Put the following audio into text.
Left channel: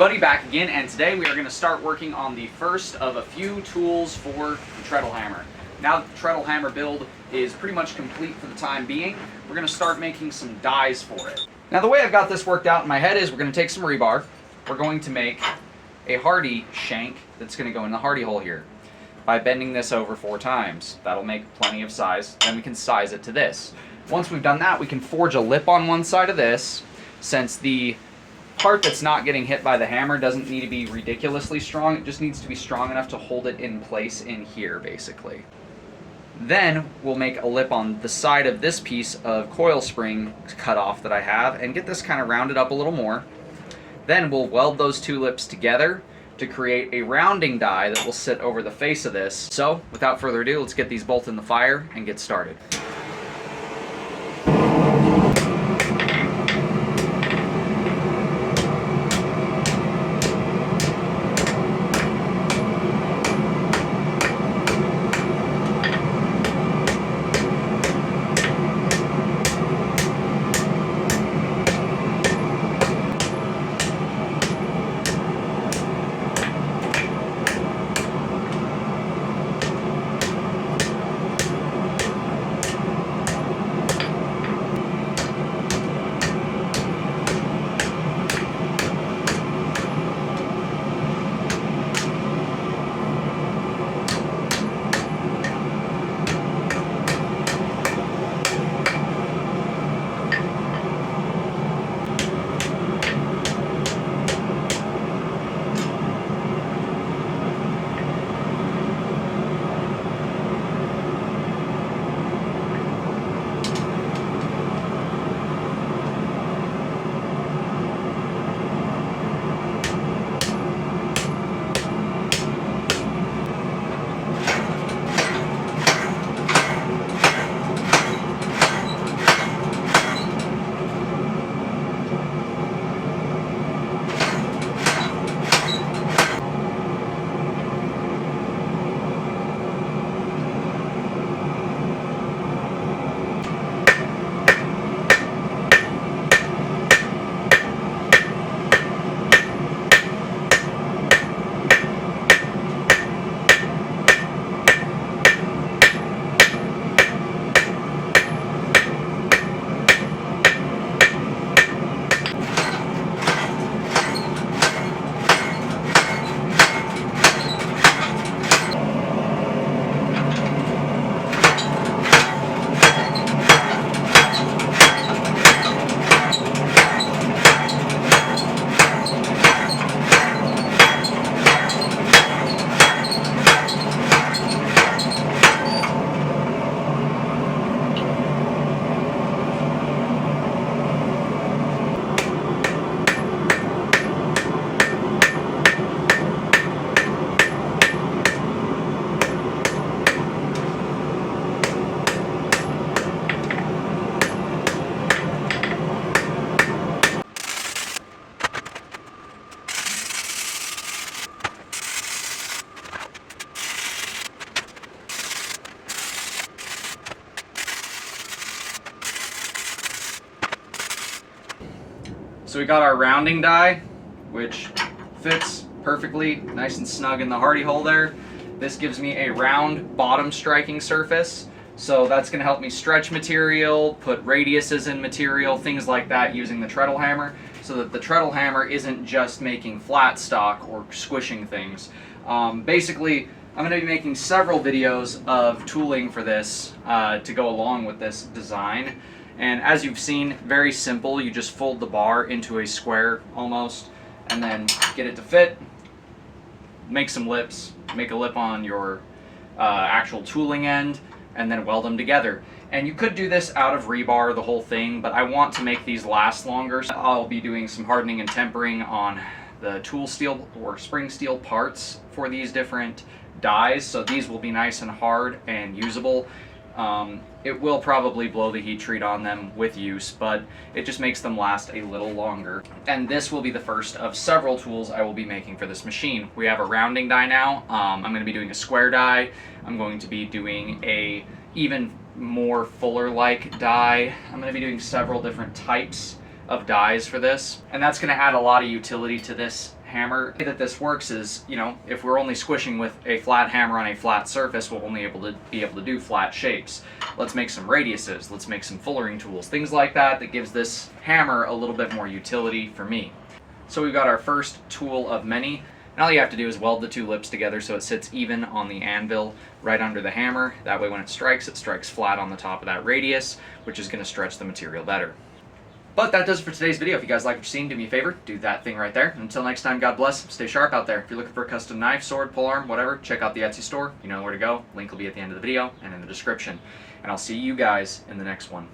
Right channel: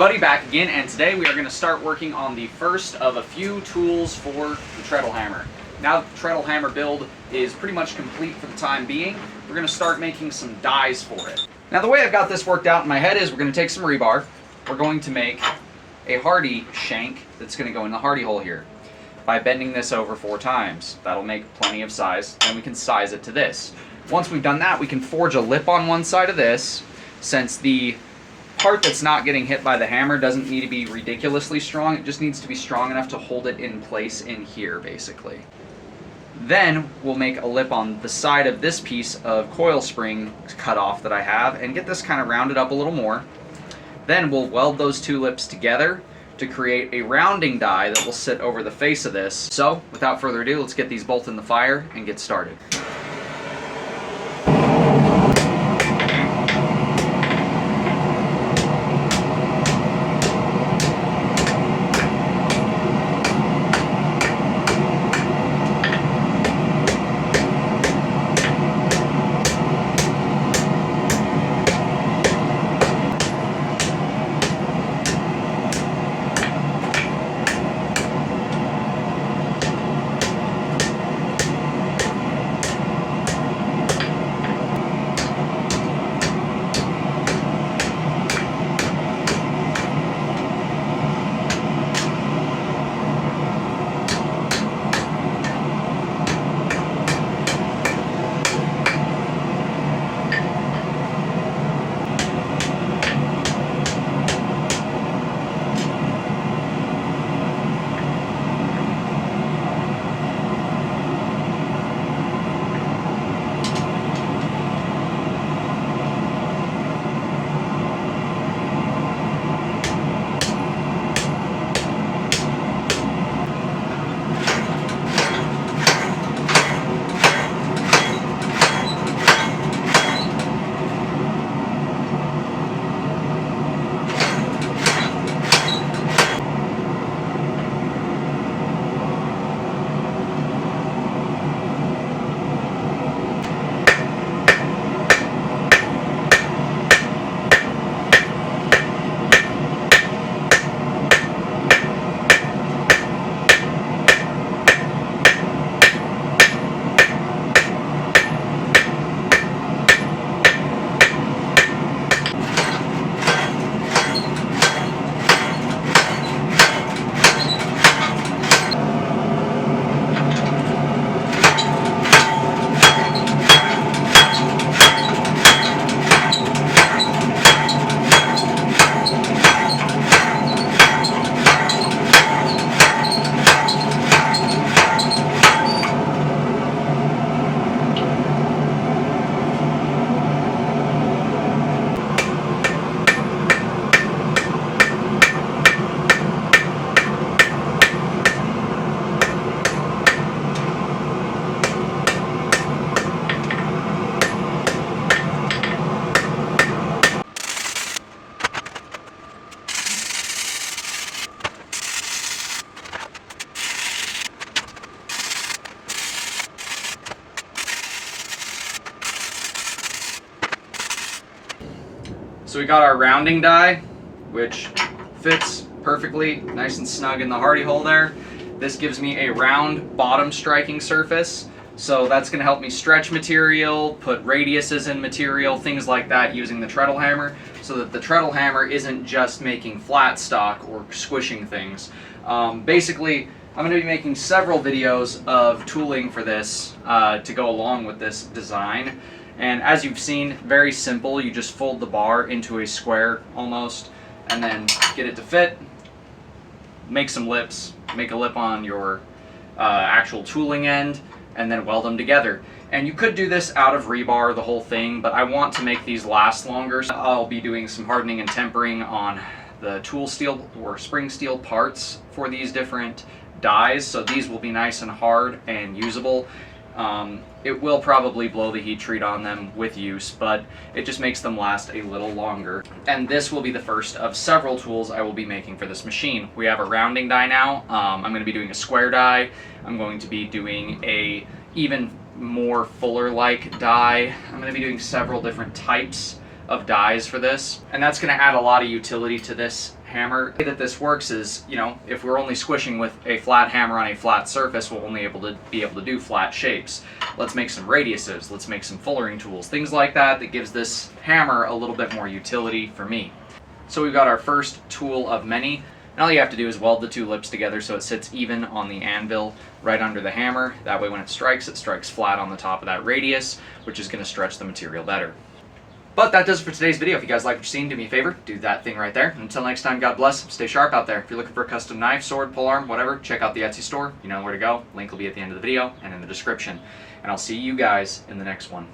everybody, back again, and today we are going to start working on the first of a few tools for the treadle hammer. Now that the treadle hammer build is pretty much complete for the time being, we're going to start making some dies for it. Now the way I've got this worked out in my head is we're going to take some rebar, we're going to make a hardy shank that's going to go in the hardy hole here. By bending this over 4 times, that'll make plenty of size, and we can size it to this. Once we've done that, we can forge a lip on one side of this, since the part that's not getting hit by the hammer doesn't need to be ridiculously strong. It just needs to be strong enough to hold it in place in here, basically. Then we'll make a lip on the side of this piece of coil spring cut off that I have and get this kind of rounded up a little more. Then we'll weld those 2 lips together to create a rounding die that will sit over the face of this. So without further ado, let's get these both in the fire and get started. So we got our rounding die, which fits perfectly, nice and snug in the hardy hole there. This gives me a round bottom striking surface, so that's going to help me stretch material, put radiuses in material, things like that using the treadle hammer, so that the treadle hammer isn't just making flat stock or squishing things. Basically, I'm going to be making several videos of tooling for this to go along with this design. And as you've seen, very simple. You just fold the bar into a square almost, and then get it to fit, make some lips, make a lip on your actual tooling end, and then weld them together. And you could do this out of rebar, the whole thing, but I want to make these last longer. So I'll be doing some hardening and tempering on the tool steel or spring steel parts for these different dies, so these will be nice and hard and usable. It will probably blow the heat treat on them with use, but it just makes them last a little longer. And this will be the first of several tools I will be making for this machine. We have a rounding die now. I'm going to be doing a square die. I'm going to be doing a even more fuller-like die. I'm going to be doing several different types of dies for this, and that's going to add a lot of utility to this hammer. The way that this works is, you know, if we're only squishing with a flat hammer on a flat surface, we'll only be able to do flat shapes. Let's make some radiuses, let's make some fullering tools, things like that gives this hammer a little bit more utility for me. So we've got our first tool of many, and all you have to do is weld the two lips together so it sits even on the anvil right under the hammer. That way when it strikes flat on the top of that radius, which is going to stretch the material better. But that does it for today's video. If you guys like what you're seeing, do me a favor, do that thing right there. Until next time, God bless, stay sharp out there. If you're looking for a custom knife, sword, polearm, whatever, check out the Etsy store. You know where to go. Link will be at the end of the video and in the description. And I'll see you guys in the next one.